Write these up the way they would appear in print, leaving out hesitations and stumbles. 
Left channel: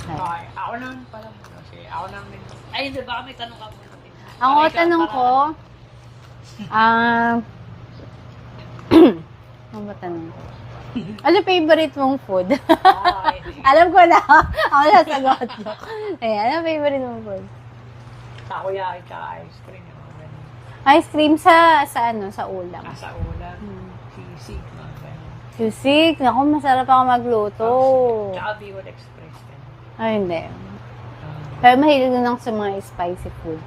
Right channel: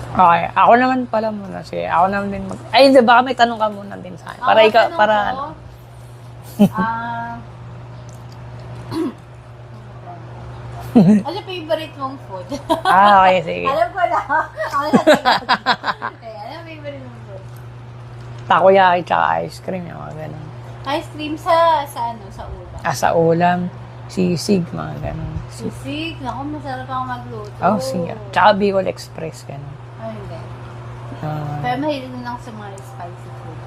minsan. Okay, ako naman pala muna. Sige, ako naman din. Ay, hindi, baka may tanong ka muna din sa akin. Ako, tanong ko, ano ba tanong? Ano favorite mong food? Okay, sige. Alam ko na. Ako na sagot. Ano favorite mong food? Takoyaki tsaka ice cream, yung mga ganun. Ice cream sa ulam. Sa ulam, sisig, mga ganun. Susik. Naku, masarap ako magluto. Oh, sige. Tsaka Bicol Express, ganun. Ay, hindi. Pero mahilig din ako sa mga spicy food.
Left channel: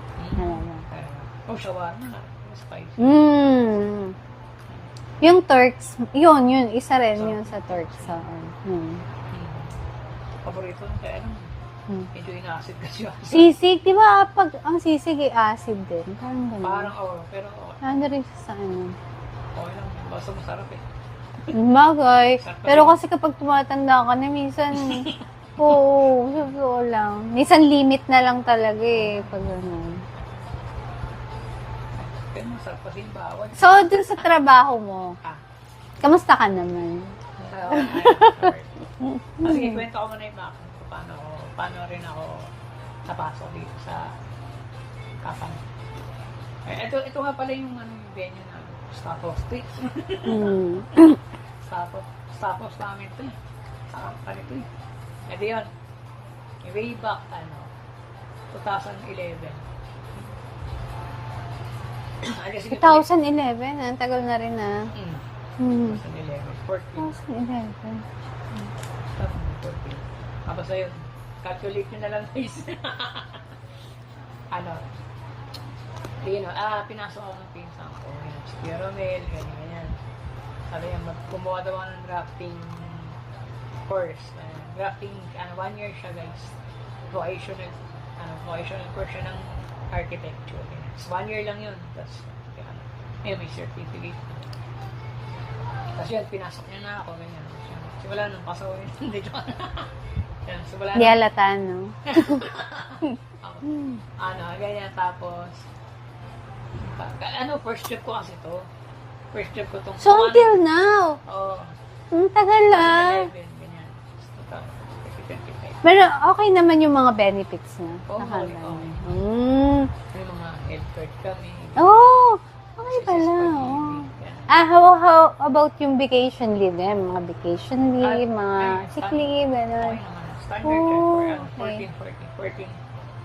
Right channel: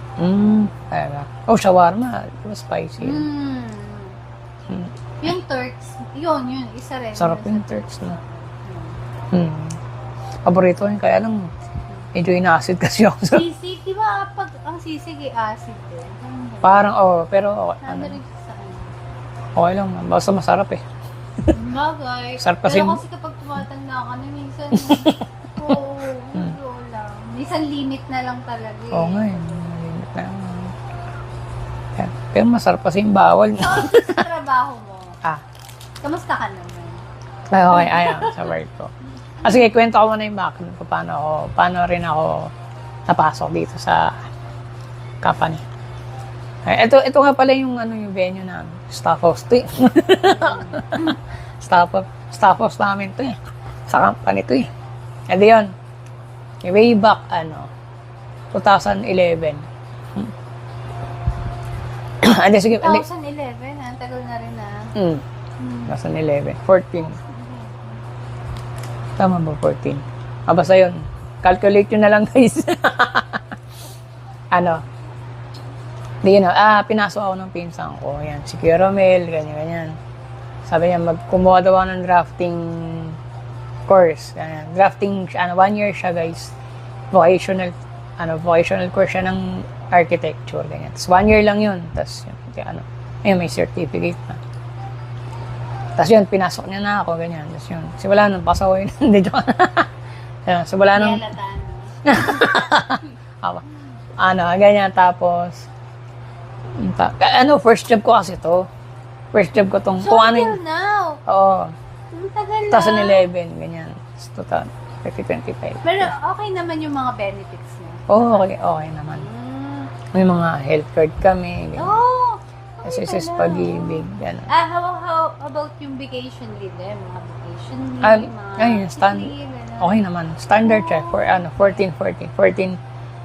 Kaya. Oh, shawarma. Spicy. Yung Turks, yun, isa rin. Sarap yun yung sa Turks. Paborito yun, kaya lang, medyo in-acid kasi ako sa... Sisig, di ba? Pag ang sisig ay acid din. Parang, pero okay. Ano rin siya sa ano? Okay lang, basta masarap eh. Bagay. Sarap kasi Pero kasi kapag tumatanda ka na, minsan, oo, siguro lang. Minsan limit na lang talaga eh. Oo nga eh. Pero masarap kasi yung bawal. So, dun sa trabaho mo, kamusta ka naman? Okay, ayun, sa work ko. Sige, kwento ko muna yung background ko, paano rin ako napasok dito sa company. Ito nga pala yung yung venue na staff house to eh. Staff house namin to eh. Sa company to eh. E di yun. Way back, 2011. Andi, sige. 2011, ang tagal na rin na. 2011. 14. Tama ba, 14? Basta yun. Calculate yun na lang, guys. Di yun, pinasok ako ng pinsan ko. Yan, si Kuya Romel, ganyan. Sabi niya, kumuha daw ako ng drafting course. Ganyan. Drafting, 1 year siya, guys. Vocational course siya ng architecture, ganyan. Tapos 1 year lang yun. Tapos, ayun, may certificate na. Tapos yun, pinasok niya na ako, ganyan. Tapos yun, simula nung pasaway na, hindi joke. Simula nung... Yalatan, no? Ganyan, tapos... first job ko kasi to. First job ko tong... So, until now? Oo. Ang tagal na. 2011, ganyan. Tapos 2025. Pero okay naman yung mga benefits niya? Oo, okay naman. May mga health card kami. Ganyan. Oh! SSS Pag-ibig, gano'n. How about yung vacation leave? Mga vacation leave, mga sick leave, gano'n. Okay naman. Standard check for 14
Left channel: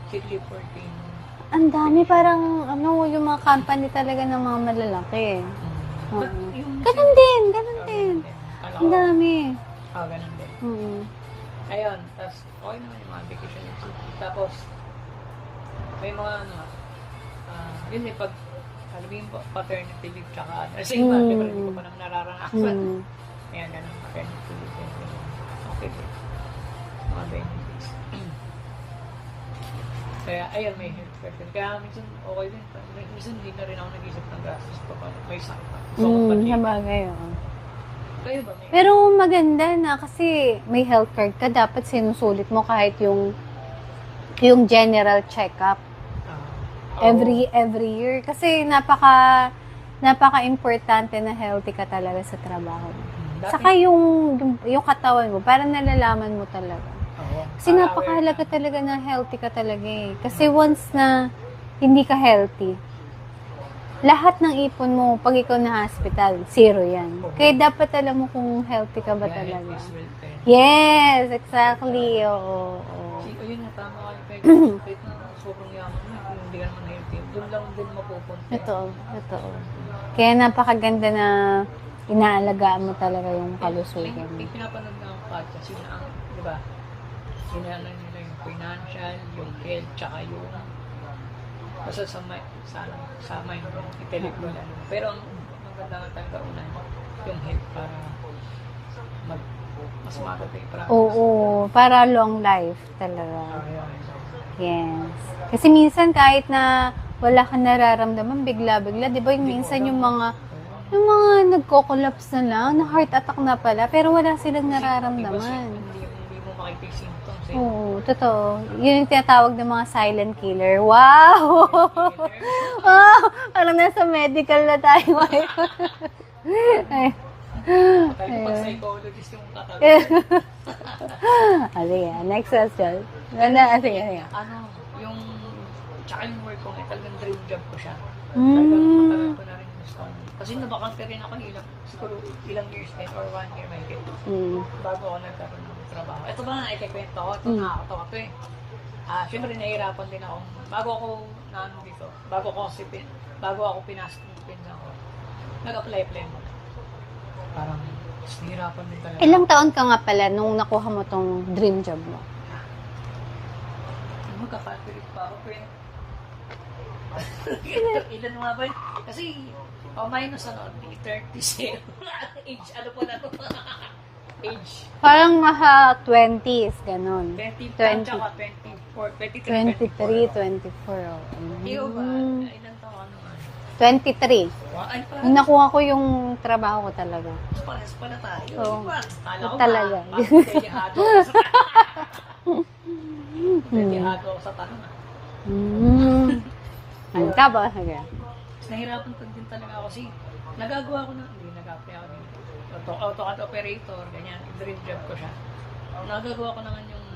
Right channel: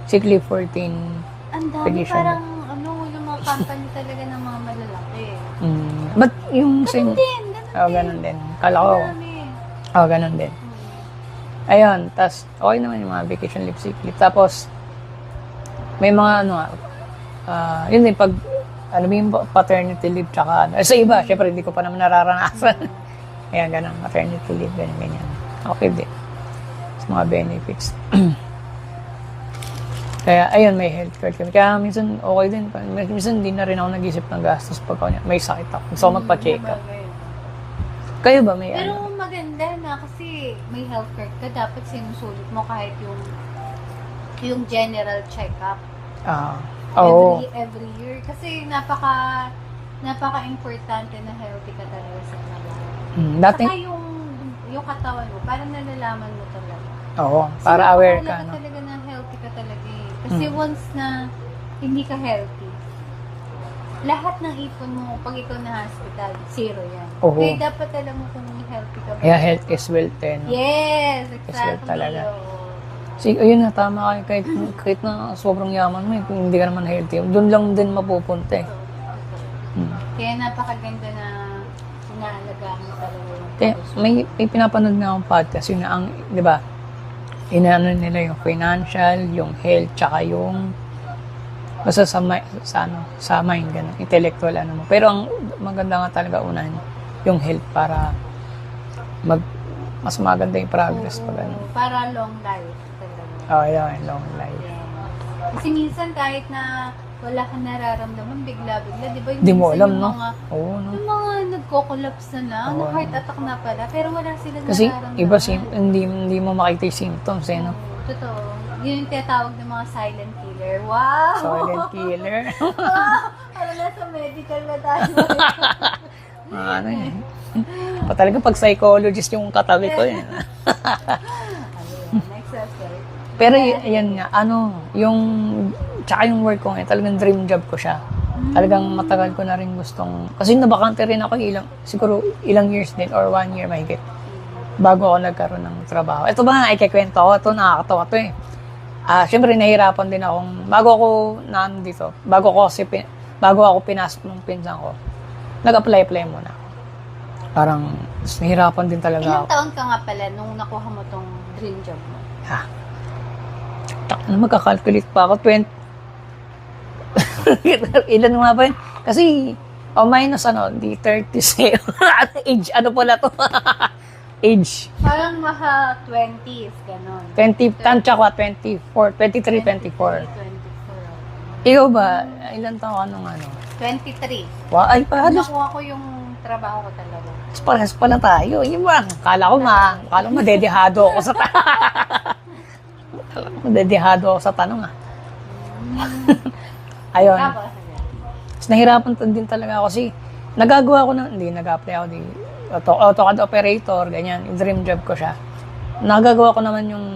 sick leave, 14 ang dami, vacation. parang yung mga company talaga ng mga malalaki. But yung Ganun din. ganun din. Kala ko. Ang dami. Ganun din. Ayun, tas okay naman yung mga vacation leave, sick leave. Tapos may mga yun din pag yung paternity leave tsaka sa iba, syempre hindi ko pa naman nararanasan. Ayan, ganun, maternity leave, ganyan. Okay din. Sa mga benefits. Kaya, ayun, may health card kami. Kaya minsan, okay din. Minsan, hindi na rin ako nag-isip ng gastos pag may sakit ako. Gusto ko magpa-check up. Kayo ba may Pero maganda na kasi may health card ka, dapat sinusulit mo kahit yung general check-up. Every year. Kasi napaka-importante na healthy ka talaga sa trabaho. Saka yung katawan mo, parang nalalaman mo talaga. Oo, para aware ka. Kasi talaga na healthy ka talaga eh. Kasi once na hindi ka healthy, lahat ng ipon mo, pag ikaw na hospital, zero yan. Kaya dapat alam mo kung healthy ka ba. Yeah, health is wealth then. Yes, exactly. Oo. Ayun na, tama kayo. Kahit na sobrang yaman mo, kung hindi ka naman healthy, doon lang din mapupunta eh. Totoo. Kaya napakaganda na inaalagaan mo talaga yung kalusugan. May pinapanood na akong podcast, yun na di ba, inaano nila yung financial, yung health, tsaka yung basta sa mind, ganun, intellectual, mo. Pero ang maganda nga talaga unahin, yung health para mas maganda yung progress. Oo, para long life talaga. Yeah, long life. Yes. Kasi minsan kahit na wala kang nararamdaman, bigla-bigla, di ba yung Di mo minsan alam, yung mga nagko-collapse na lang, na heart attack na pala, pero wala silang kasi nararamdaman. Kasi hindi mo makita yung symptoms. Oo, totoo. Yun yung tinatawag ng mga silent killer. Wow! Silent killer. Wow! Parang nasa medical na tayo. Talaga pag psychologist yung katabi ko eh. Sige, next question. Pero yan nga, tsaka yung work ko ngayon, talagang dream job ko siya. Talagang matagal ko na rin gustong, kasi nabakante rin ako siguro ilang years din, or 1 year mahigit, bago ako nagkaroon ng trabaho. Ito ba nga, ikikwento ko, ito nakakatawa to eh. Siyempre, nahihirapan din akong, bago ako pinasok ng pinsan ko, nag-apply muna. Parang, nahihirapan din talaga Ilang ako. taon ka nga pala nung nakuha mo tong dream job mo? Magkakalculate pa ako, 20. Ilan nga ba yun? Kasi, minus di 30 age, ano pala to? Age. Parang nasa 20s, ganun. 20, tansya ko, 24, 23, 24. 24. Ikaw ba, ilan taon ka nung 23. Wow, ay pa, Nakuha ko yung trabaho ko talaga. parehas pala tayo. Yun ba? Kala ko dedihado ako sa dedihado ako sa tanong Ayun. Tapos, Tapos nahirapan din talaga ako kasi nag-apply ako di AutoCAD operator, ganyan, yung dream job ko siya. Nagagawa ko naman yung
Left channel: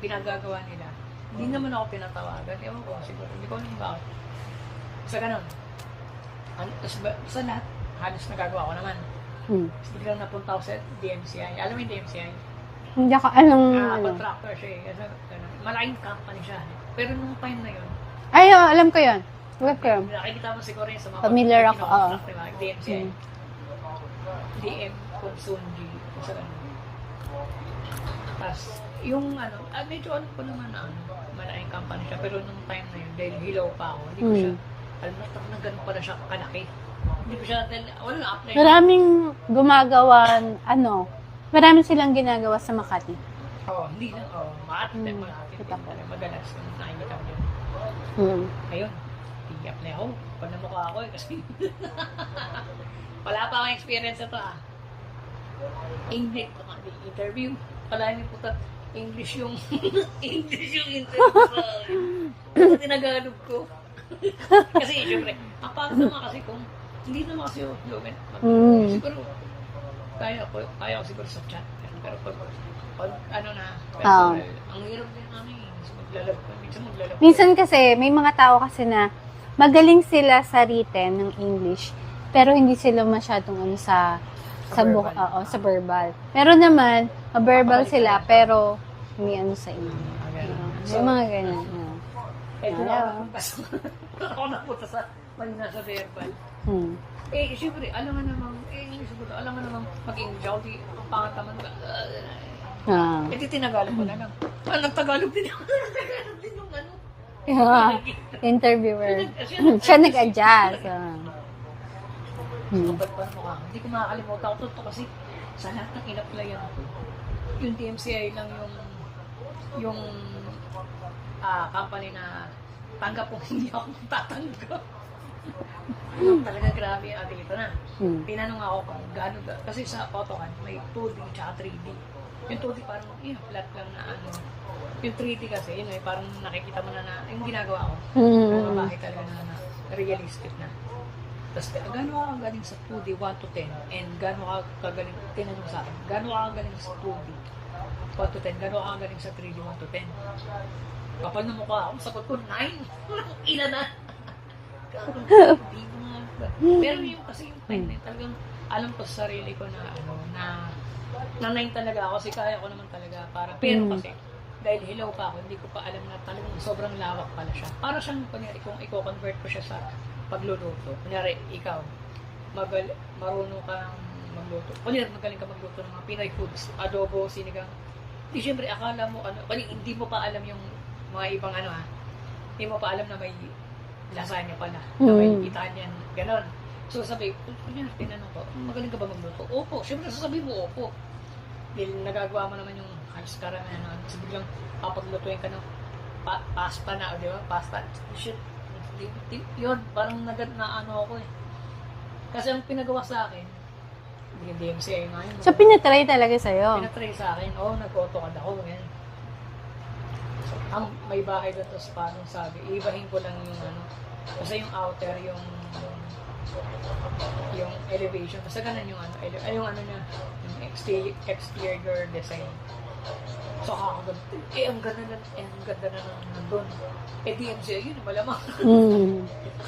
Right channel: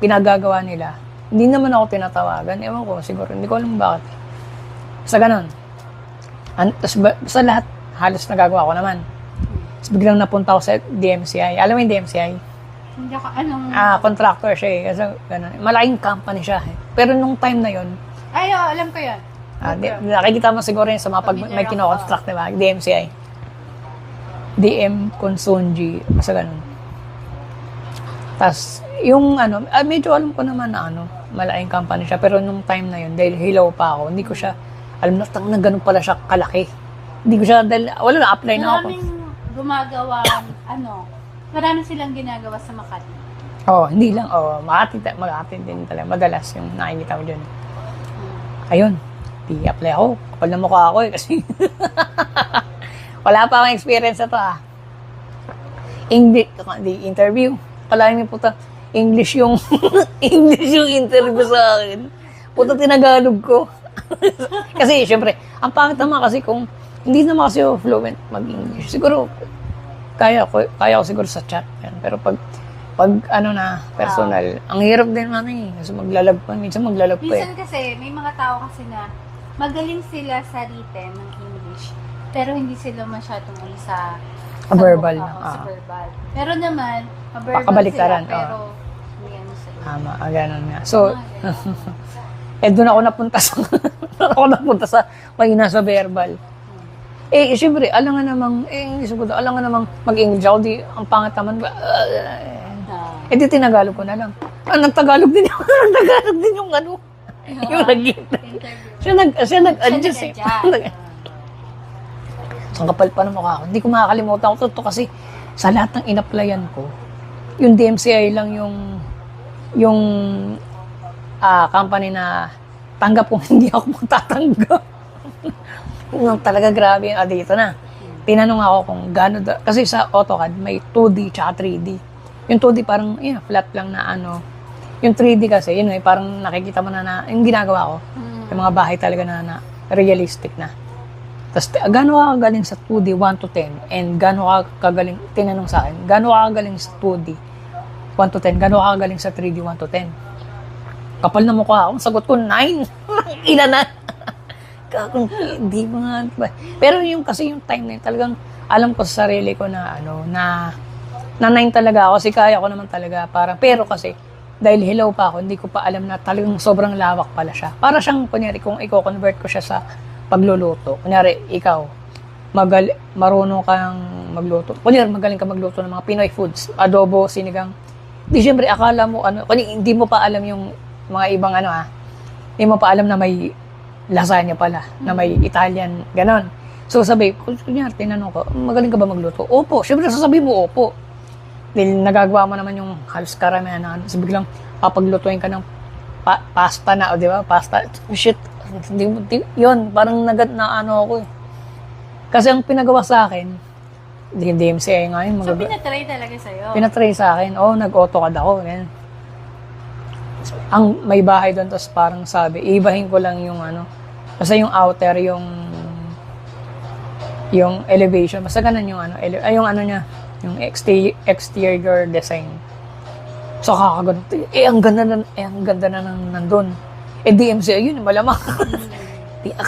pinagagawa nila. Hindi naman ako tinatawagan. Ewan ko, siguro, hindi ko alam bakit. Basta ganun. Tapos sa lahat, halos nagagawa ko naman. Tapos biglang napunta ako sa DMCI. Alam mo yung DMCI? Hindi ako, anong... Contractor siya eh. Kasi ganun. Malaking company siya eh. Pero nung time na yon, alam ko yun. nakikita mo siguro yun sa mga pag may kino-construct, diba? DMCI. DM Consunji, basta ganun. Tapos, yung medyo alam ko naman na malaking company siya, pero nung time na yun, dahil hilaw pa ako, hindi ko siya, alam na ganun pala siya kalaki. Hindi ko siya, dahil, wala na, apply na ako. Maraming gumagawa, marami silang ginagawa sa Makati. Hindi lang, Makati din talaga, madalas yung nakikita ko dyan. Ayun, apply ako, kapal na mukha ako eh, kasi, wala pa akong experience na to English, interview. Kalahin mo puta, English yung interview sa akin. Puta, tinagalog ko. Kasi, syempre, ang pangit naman kasi kung hindi naman kasi ako fluent mag-English. Siguro, kaya ko siguro sa chat. Pero pag personal, ang hirap din mami. Kasi minsan maglalagpan. Minsan kasi, may mga tao kasi na magaling sila sa written ng English, pero hindi sila masyadong sa verbal. Sa verbal. Pero naman, verbal sila, pero may sa English. Tama, ganun nga. So, doon ako napunta sa mahina sa verbal. Siyempre, alangan namang mag-English ako, ang pangat naman, di tinagalog ko na lang. Nagtagalog din yung yung interviewer. Siya nag-adjust. Ang kapal pa ng mukha ko. Hindi ko makakalimutan ko to kasi sa lahat ng in-applyan ko, yung DMCI lang yung company na tanggap kung hindi ako magtatanggap. Talaga grabe yung dito na. Tinanong ako kung gano'n kasi sa AutoCAD may 2D tsaka 3D. Yung 2D parang flat lang na Yung 3D kasi, parang nakikita mo na yung ginagawa ko. Yung mga bahay talaga na realistic na. Tapos, gano'n ka kagaling sa 2D 1 to 10? And gano'n ka kagaling, tinanong sa akin, gano'n ka kagaling sa 2D 1 to 10? Gano'n ka kagaling sa 3D 1 to 10? Kapal na mukha ako, sagot ko 9. Ilan na? Hindi mga ba? Pero kasi yung time na yun, talagang alam ko sa sarili ko na na 9 talaga ako. Kasi kaya ko naman talaga. Pero kasi, dahil hilaw pa ako, hindi ko pa alam na talagang sobrang lawak pala siya. Para siyang, kunyari, kung i-convert ko siya sa pagluluto. Kunyari, ikaw, marunong kang magluto. Kunyari, magaling ka magluto ng mga Pinoy foods. Adobo, sinigang. Di syempre, akala mo, hindi mo pa alam yung mga ibang hindi mo pa alam na may lasagna pala, na may Italian, ganon. So, kunyari, tinanong ko, magaling ka ba magluto? Opo. Syempre, sasabihin mo, opo. Dahil nagagawa mo naman yung halos karamihan na so biglang papaglutuin ka ng pasta na, di ba? Pasta. Shit. Yun, parang ako eh. Kasi ang pinagawa sa akin, DMCI nga yun. So, pinatry talaga sa'yo? Pinatry sa akin. Nag-AutoCAD ako. Yan. Ang may bahay doon, tapos parang sabi, ibahin ko lang yung kasi yung outer, yung yung elevation, basta ganun yung ano, yung ano niya, yung exterior design. So kakaganda, ang ganda na nandun. DMCA yun, malamang.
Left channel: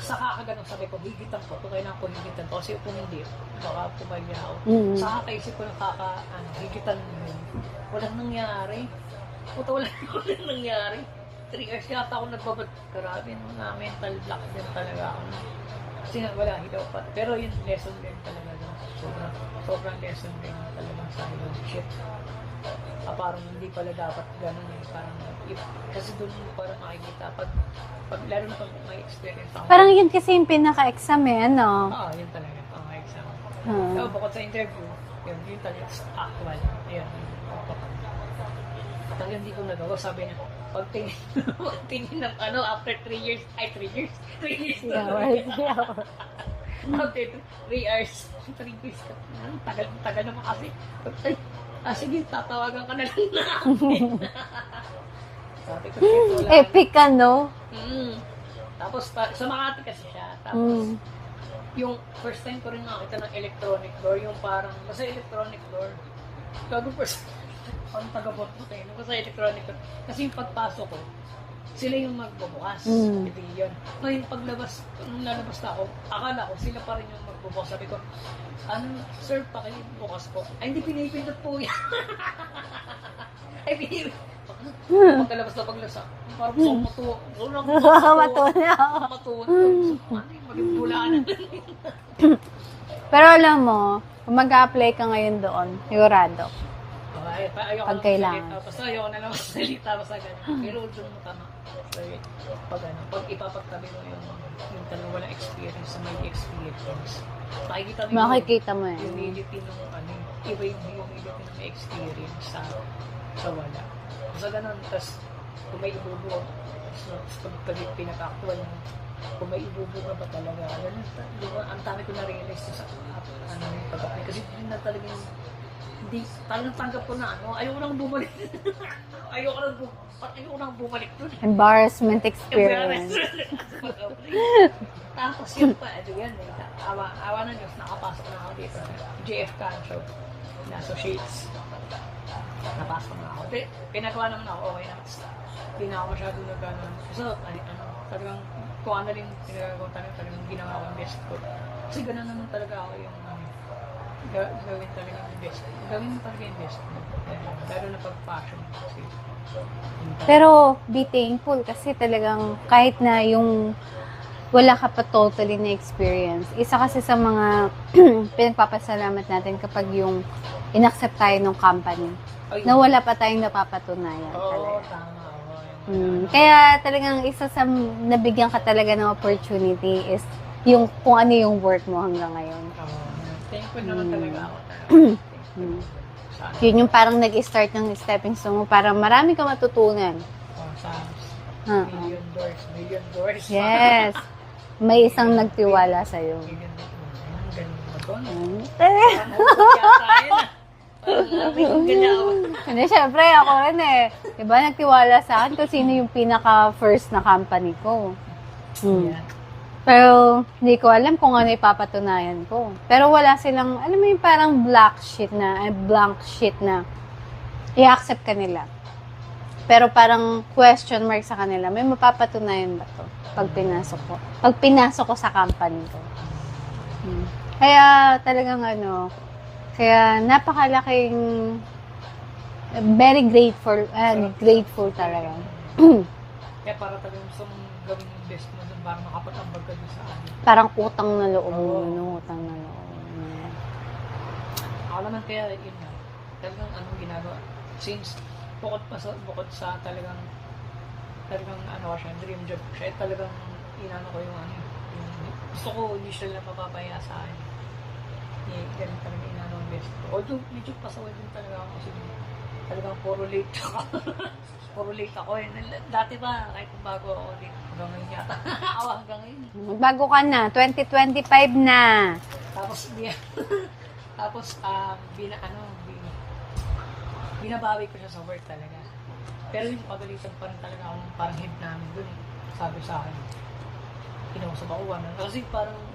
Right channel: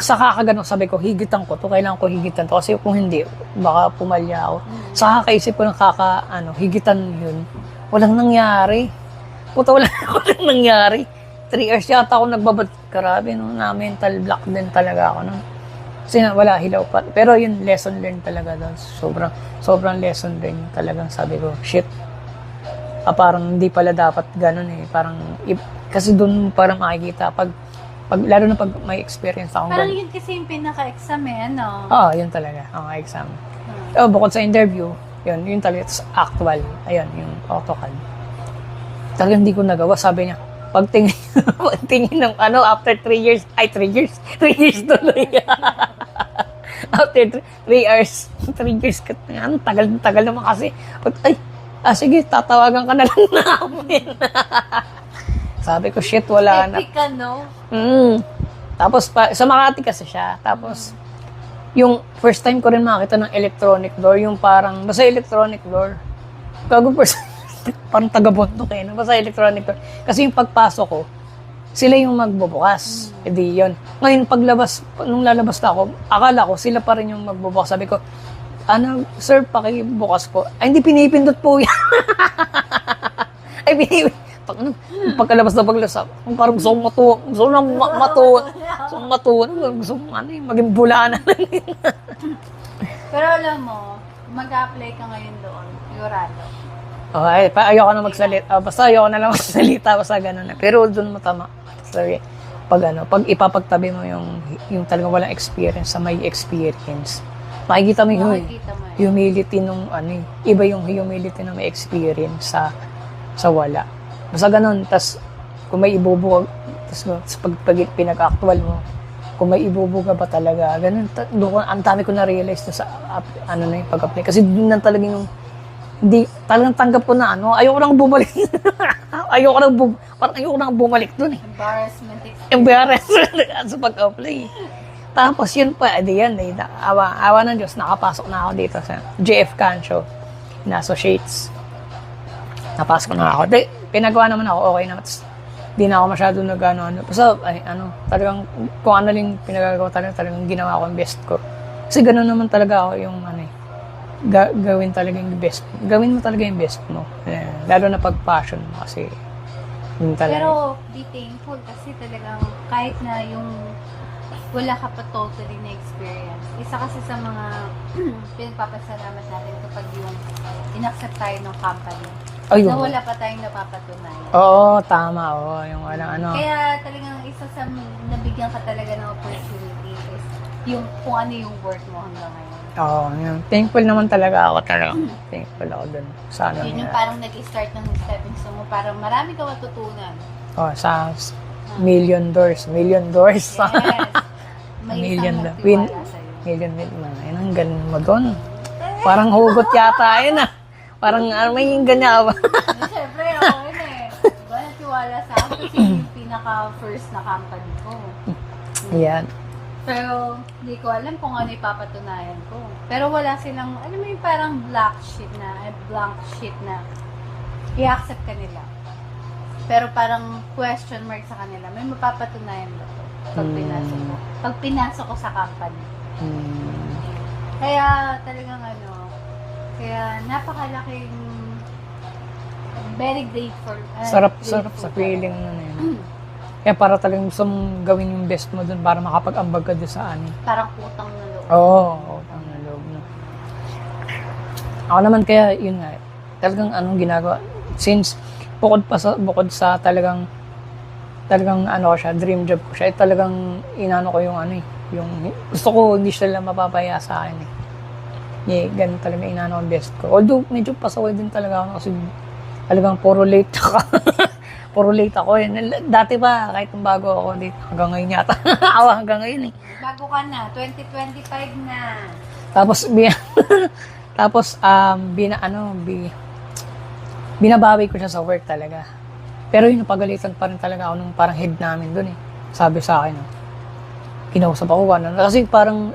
Sa kakagano, sabi ko, higitan ko to, kailangan ko higitan to, kasi kung hindi, baka pumalya ako. Sa kakaisip ko ng higitan yun, walang nangyari. Puta, walang nangyari. 3 hours yata ako nagbabad. Grabe, no, na mental block din talaga ako. No? Kasi wala, hilaw pa. Pero yun, lesson learned talaga doon. Sobrang lesson learned talagang sabi ko, shit. Parang hindi pala dapat ganun eh. Parang, kasi doon parang makikita, lalo na pag may experience ako. Parang yun kasi yung pinaka-exam eh, ano? Oo, yun talaga, ang exam. So, bukod sa interview, yun talaga, actual. Ayun, yung AutoCAD. Talagang hindi ko nagawa, sabi niya, pagtingin ng after 3 years, 3 years tuloy. After 3 hours, 3 years, tagal naman kasi. Sige, tatawagan ka na lang namin. Sabi ko, shit, wala na. Epic ka, no? Tapos, sa Makati kasi siya. Tapos, yung first time ko rin makita ng electronic door, yung parang, basta electronic door. Parang taga-bundok eh. Basta electronic door. Kasi yung pagpasok ko, sila yung magbubukas. Edi yun. Ngayon, nung lalabas na ako, akala ko, sila pa rin yung magbubukas. Sabi ko, sir, pakibukas ko. Ay, hindi pinipindot po yan. Ay, pagkalabas na paglasap, parang gusto kong matuwa. Gusto kong matuwa. Gusto kong maging bulanan. Pero alam mo, kung mag-a-apply ka ngayon doon, sigurado. Ayoko na magsalita. Basta ayoko na lang magsalita. Basta gano'n na. Pero doon mo tama. Sorry. Pag ipapagtabi mo yung talagang walang experience sa may experience, makikita mo yung humility nung iba yung humility na may experience sa wala. Basta ganun, tas kung may ibubuga, tas pag pinag-actual mo, kung may ibubuga ba talaga, ganun, ang dami ko na-realize na sa pag-apply. Kasi din lang talaga yung, hindi, talagang tanggap ko na ayoko nang bumalik. ayoko nang bumalik dun eh. Embarrassment experience. Sa pag-apply. Tapos yun pa, awa ng Diyos, nakapasok na ako dito sa JF Cancho na associates. Napasok na ako. Pinagawa naman ako, okay naman. Di na ako masyado Basta, talagang, kung ano lang pinagagawa talagang ginawa ko yung best ko. Kasi gano'n naman talaga ako yung, gawin talaga yung best. Gawin mo talaga yung best mo. Lalo na pag-passion mo kasi, yun talaga. Pero, be thankful kasi talagang, kahit na yung wala ka pa totally na experience. Isa kasi sa mga pinagpapasalamat natin kapag yung inaccept tayo ng company. Na wala pa tayong napapatunayan. Oo, tama. Yung Kaya talagang isa sa nabigyan ka talaga ng opportunity is yung kung ano yung work mo hanggang ngayon. Oo, thankful naman talaga ako talaga. Thankful ako dun. Sana. Yun yung parang nag-start ng stepping stone mo para marami kang matutunan. Sa million doors. Yes. May isang nagtiwala sa'yo. Million. Ayun, ang galing mo doon. Parang hugot yata yun Parang may ganyan. Hindi, syempre ako rin Diba, nagtiwala sa akin kung sino yung pinaka-first na company ko. Yan. Pero, hindi ko alam kung ano ipapatunayan ko. Pero wala silang, alam mo yung parang blank sheet na i-accept ka nila. Pero parang question mark sa kanila, may mapapatunayan ba to pag pinasok ko? Pag pinasok ko sa company ko. Kaya talagang kaya napakalaking very grateful. Sarap grateful sa feeling Kaya para talagang gusto mong gawin yung best mo dun para makapag-ambag ka doon sa Parang utang na loob. Utang na loob. Ako naman kaya, yun nga, talagang ginagawa. Since, bukod sa talagang dream job ko siya, talagang ko yung yung gusto ko hindi sila mapapaya sa akin ganun talaga ang best ko. Although, medyo pasaway din talaga ako kasi talagang puro late ako Dati pa, kahit bago ako dito, hanggang ngayon yata. Hanggang ngayon Bago ka na, 2025 na. Tapos, binabawi ko siya sa work talaga. Pero yung napagalitan pa rin talaga ako nung parang head namin doon Sabi sa akin, kinausap ako kasi parang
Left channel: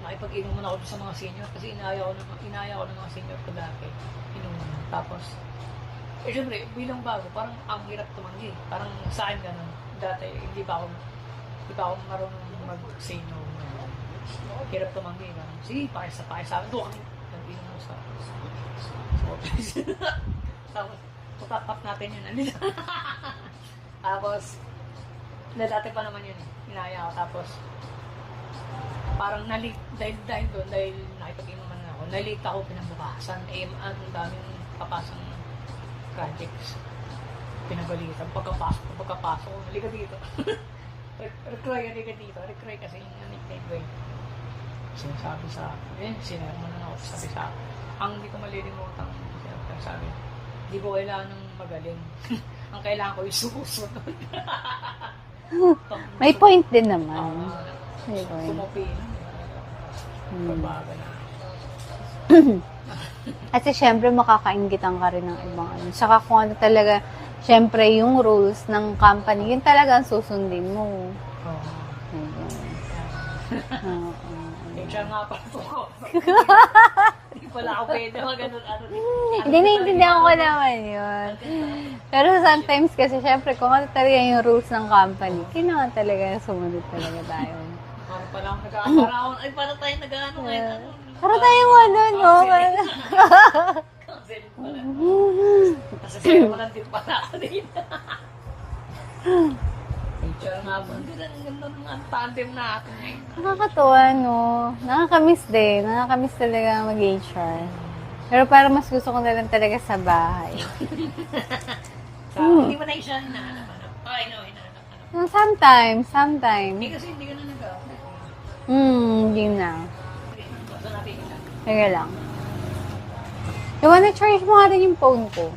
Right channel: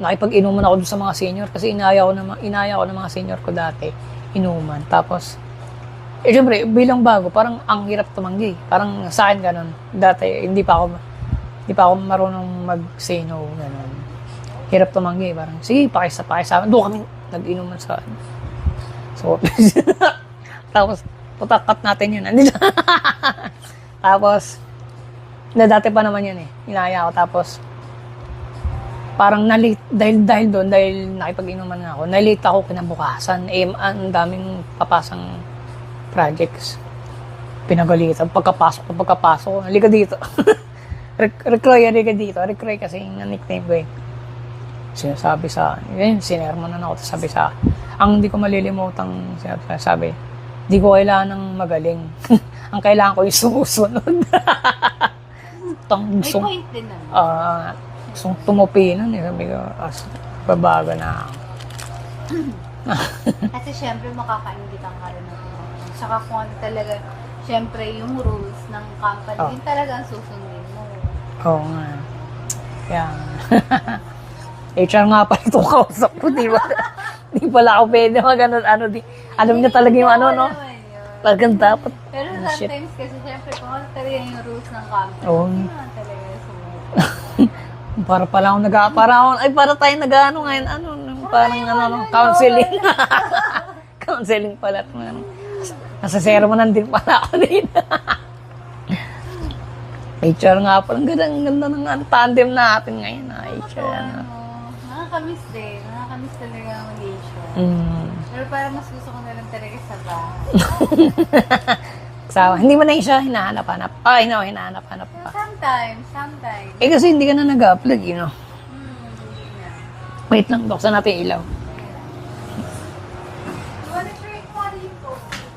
nakipag-inuman ako doon sa mga senior kasi inaya ko ng mga senior ko dati, inuman. Tapos, syempre, bilang bago, parang ang hirap tumanggi. Parang sa akin ganun. Dati, hindi pa ako marunong mag-say no, ganun. Hirap tumanggi, parang, sige, pakisama. Doon kami nag-inuman sa office. Tapos, putakat natin yun. Andito. Tapos, dati pa naman yun eh. Inaya ko. Tapos, parang na-late, dahil doon, dahil nakipag-inuman nga ako, na-late ako kinabukasan. Ang daming papasang projects. Pinagalitan. Pagkapasok, halika dito. Recroy, halika dito. Recroy kasi yung nickname ko eh. Sinasabi sa akin, sinermonan ako, sabi sa ang hindi ko malilimutang sabi, hindi ko kailangan ng magaling. Ang kailangan ko yung sumusunod. May point din naman. Tumupi nun eh. Sabi ko, babago na ako. Kasi syempre makakaingitan ka rin ng ibang ano. Saka kung ano talaga, syempre yung rules ng company, yun talaga ang susundin mo. Oo nga. Kaya, HR nga pala itong kausap ko, di ba? Di pala ako pwede mag-ganon, alam niya talaga yung ano, no? Talagang dapat. Pero sometimes kasi syempre, kung ano talaga yung rules ng company, kailangan talaga sumunod talaga. Para pala ako para tayo nag-ano ngayon, para tayo counseling. Counseling pala. Nasa sermonan din pala ako dito. HR nga pala, ang ganda ng tandem natin ngayon. Nakakatuwa, no? Nakakamiss din. Nakakamiss talaga mag-HR. Pero para mas gusto ko na lang talaga sa bahay. Hindi mo na siya hinahanap-hanap. Hinahanap-hanap pa. Sometimes. Kasi hindi ka na nag-upload, Hindi na. Wait lang, buksan natin ilaw. Teka lang. Iwan na charge mo natin yung phone ko.